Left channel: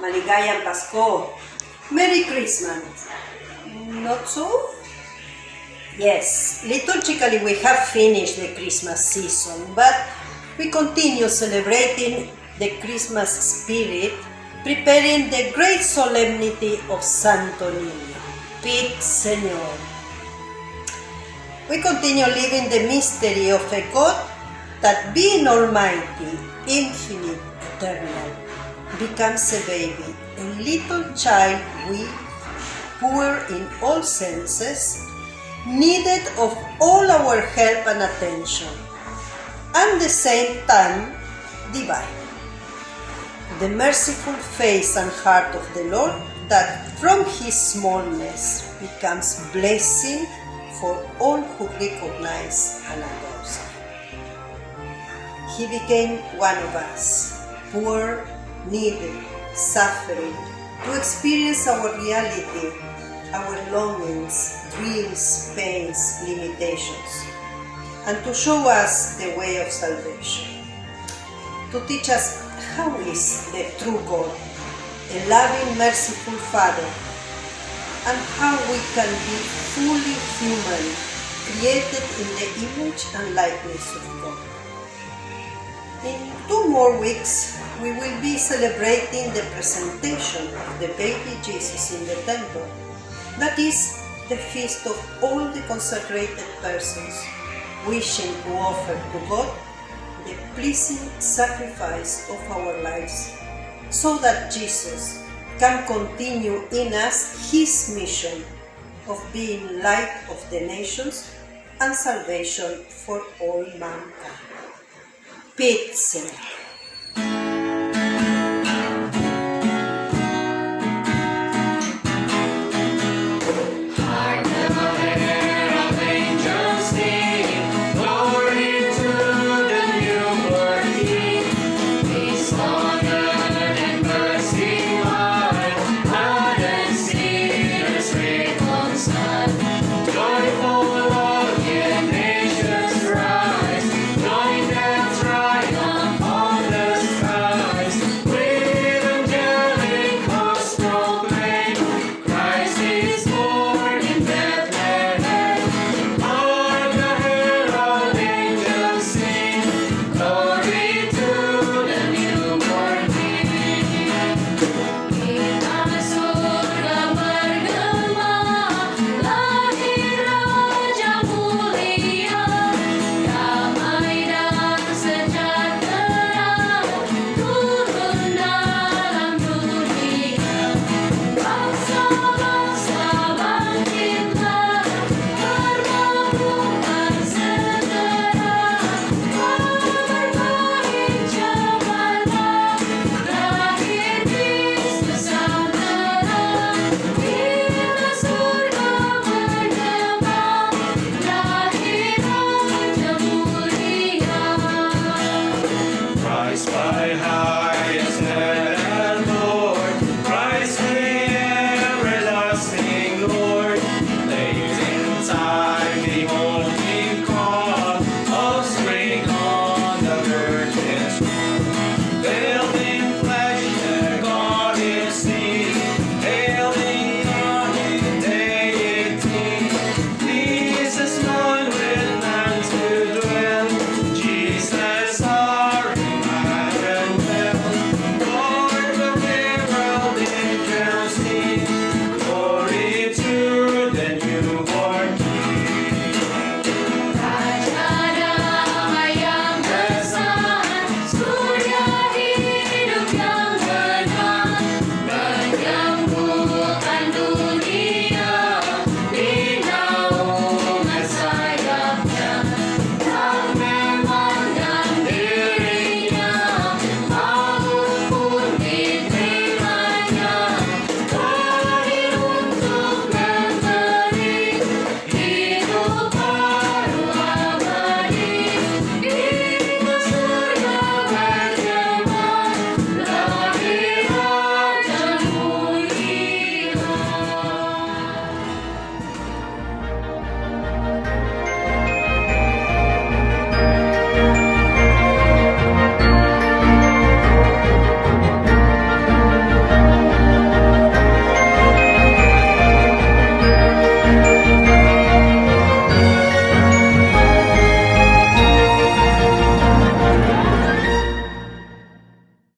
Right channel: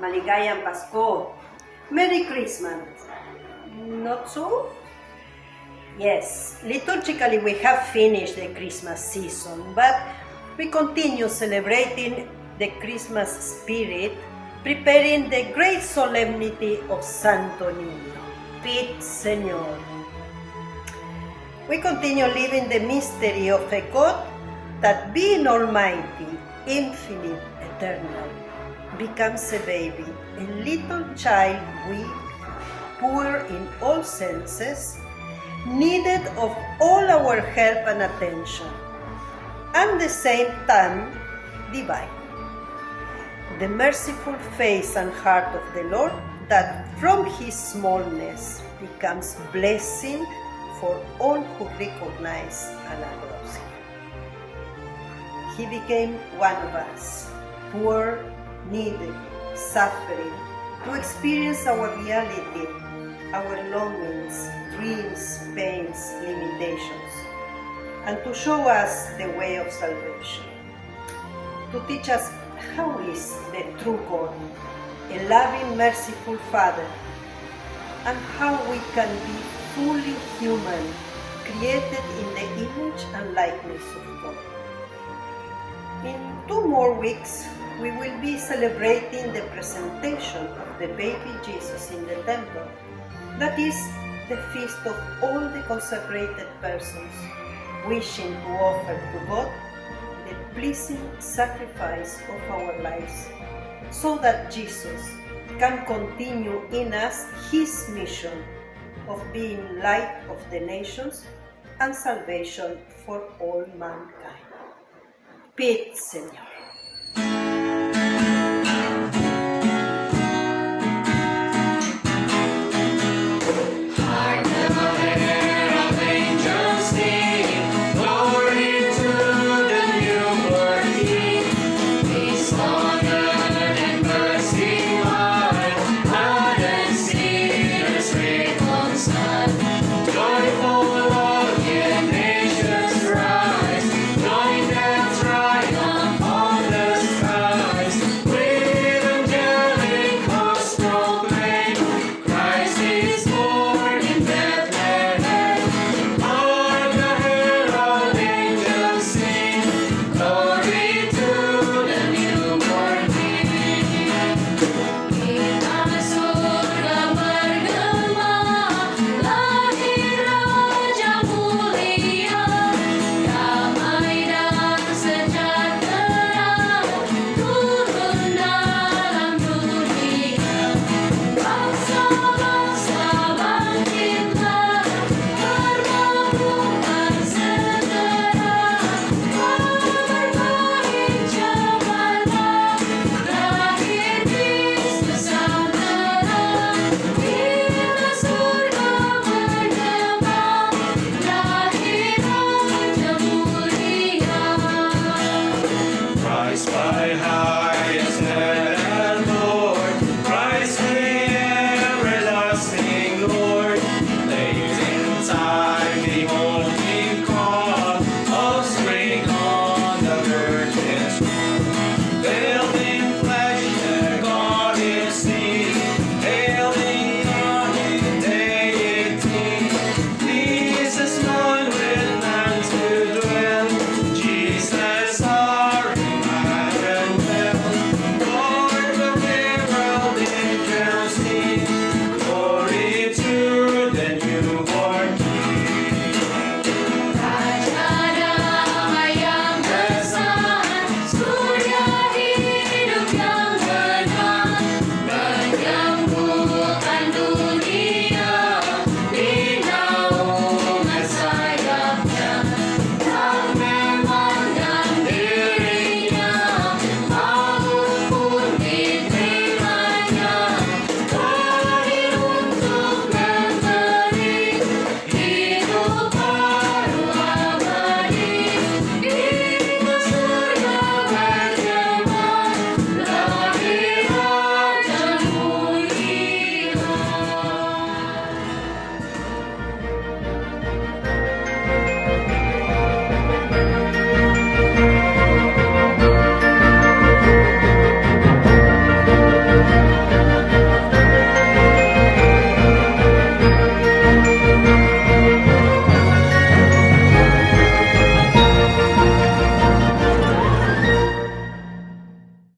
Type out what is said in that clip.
Maligayang Pasko. Merry Christmas. Not so? Yes, liturgically we have finished the Christmas season, but we continue celebrating the Christmas spirit, preparing the great solemnity of Santo Niño. Pit Señor. We continue living the mystery of a God that, being almighty, infinite, eternal, becomes a baby, a little child weak, poor in all senses, needed of all our help and attention, and at the same time divine. The merciful face and heart of the Lord, that from his smallness becomes blessing for all who recognize and adore him. He became one of us, poor, needy, suffering, to experience our reality, our longings, dreams, pains, limitations, and to show us the way of salvation, to teach us how is the true God, a loving, merciful Father, and how we can be fully human, created in the image and likeness of God. In 2 more weeks, we will be celebrating the presentation of the baby Jesus in the temple. That is the feast of all the consecrated persons, wishing to offer to God the pleasing sacrifice of our lives, so that Jesus can continue in us his mission of being light of the nations and salvation for all mankind. Pit Señor.